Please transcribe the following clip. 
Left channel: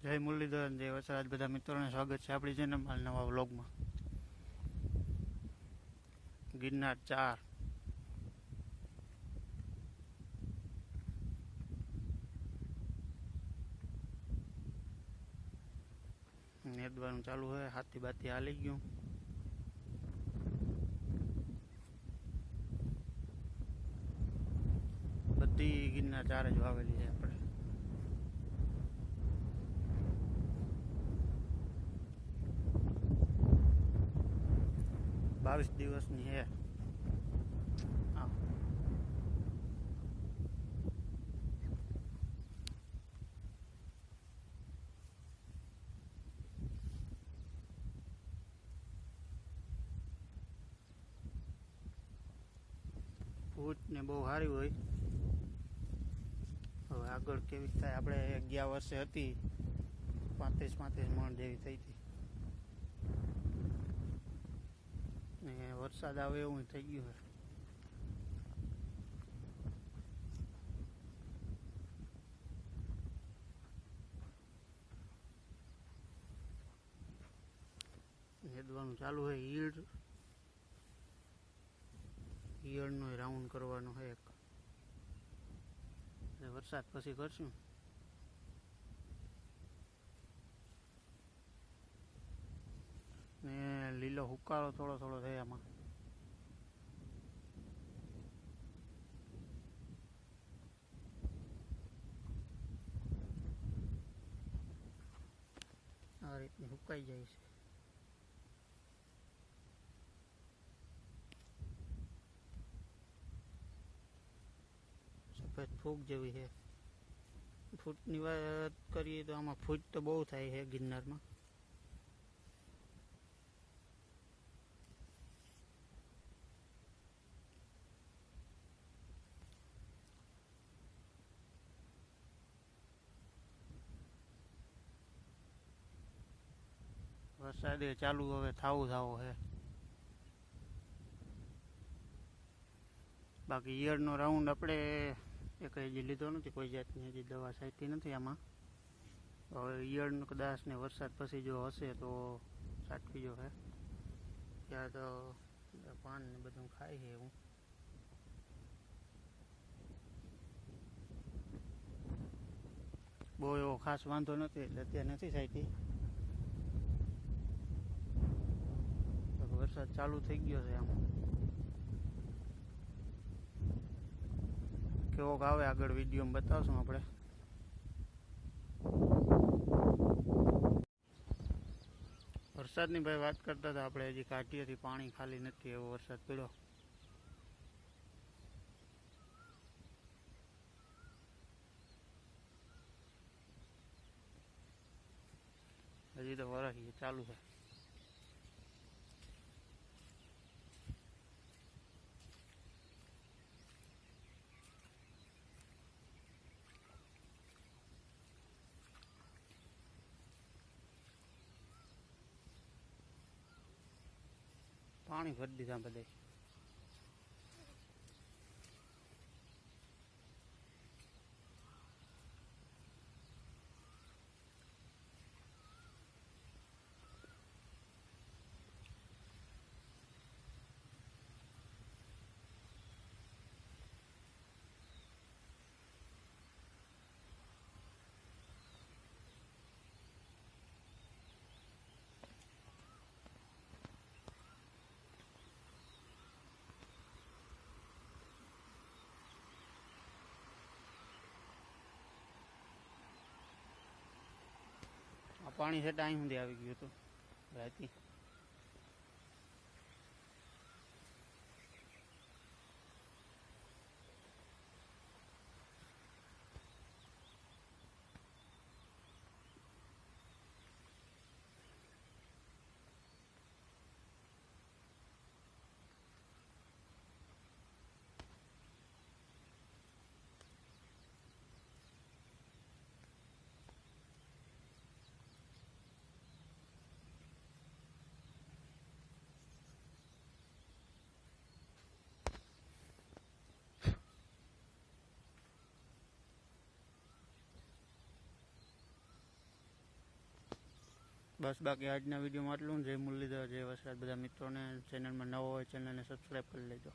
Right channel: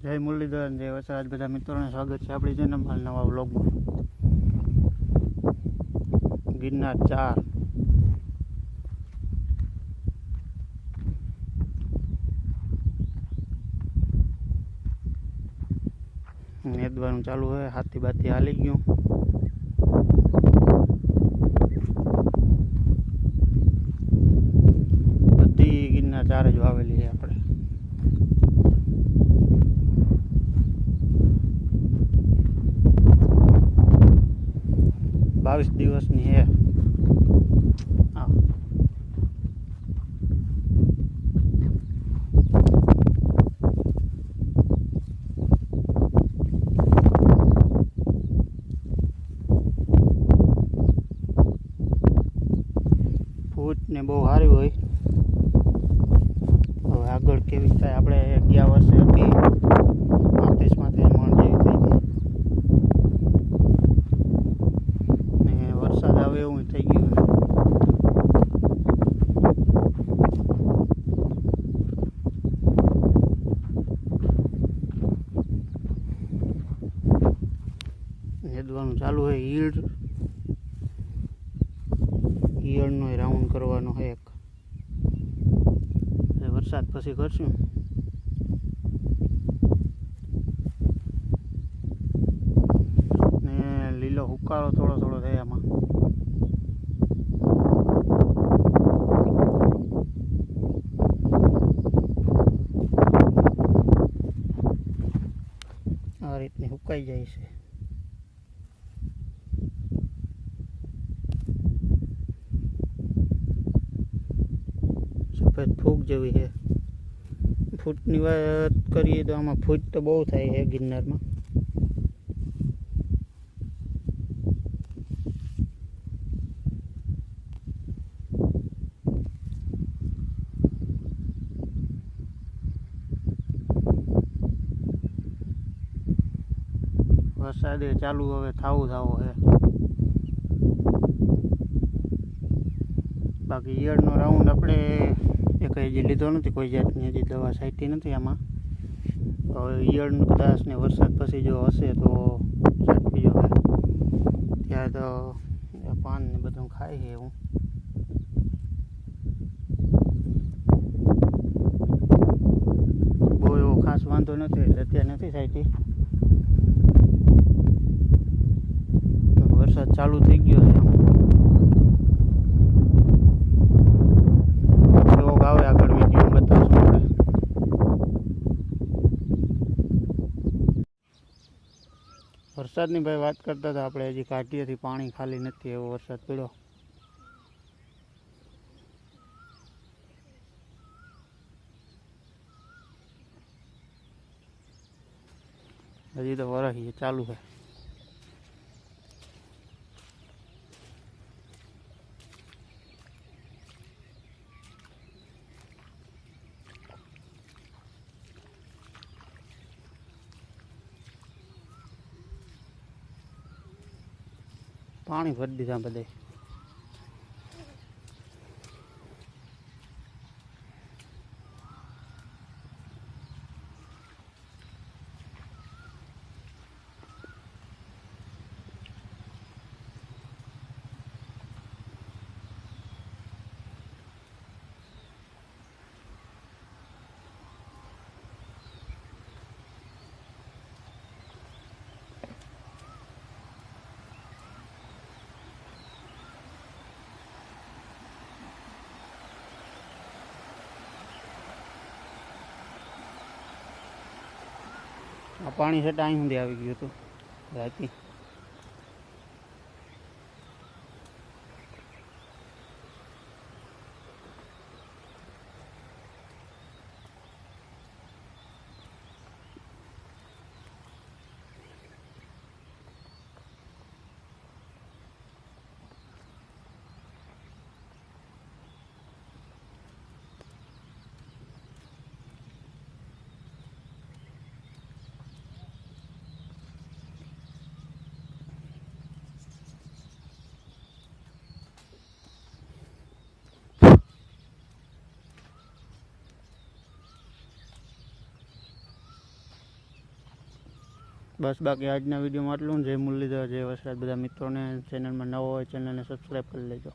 જય મુરલીધર જય વસરાજ. બધા મિત્રોને સ્વાગત છે આપણી ચેનલમાં નવા વ્લોગમાં ગિરનાર ચાર. નેદવાનું ચાલુ હોય, હાથી બાથી હાલી ગયું. બધી ગિરનાર ચાર જ વાવેલી છે આપણે. બાવીસ દિવસની હે. ને બહુ સારી હોય. હવે આગળ કેવી થાય? આપણે ગયા વર્ષે હતી પાંત્રીસ પાંત્રીસ મણ જેવી થઈ હતી ને વરસાદ આવે એવું થઈ ગયું છે. ચાલુ હોય ઈયળ. ઈયળનો રાઉન્ડ કરવાનો હોય એક. વરસાદ પછી કરશું ને હુકાળો થોડો થોડો થાય આમાં. આ રીતની સુકાઈ જાય છે. સફેદ ફૂગ જેવી છે. ફૂટની વાત કરીએ તો આમાં ફૂટ તો બહુ થાય છે ગિરનારમાં. વરસાદે ચાલુ હવે થાવું થાવો છે. બાકી ઈયળનો રાઉન્ડ આપણે એક હજી લીધો નથી, કોઈ જાતની હજી દવા સાઈટી નથી આમાં. હવે ઈયળનું કદાચ ને વરસાદ પછી જો હશે તો સાચવી જો ત્યારે તો પાન ને બધું ખાય છે એવું. બહુ એવો ખાસ વાંધો નથી અત્યારે નથી છાંટી તો વરસાદ ચાલુ થઈ ગયો છે. આવે આગળ વીડિયો બતાવશું વરસાદની ભાઈ વાત કરતા હતા આપણે, હજી કાઢીએથી પાણી ખાલી નથી, એવો વરસાદ પડ્યો. હજી તો વરસ ચાલુ છે. પાણી ભરી દીધા બધે આ પાણી છે ટાઈમ સુધી આવી ગયું હતું રાતી. બસ બાકી આજના વિડીયોમાં આટલું. જય મુરલીધર, જય વસરાજ. બધા મિત્રોને ચેનલમાં નવો હોય ચેનલને સબસ્ક્રાઈબ કરી લેજો.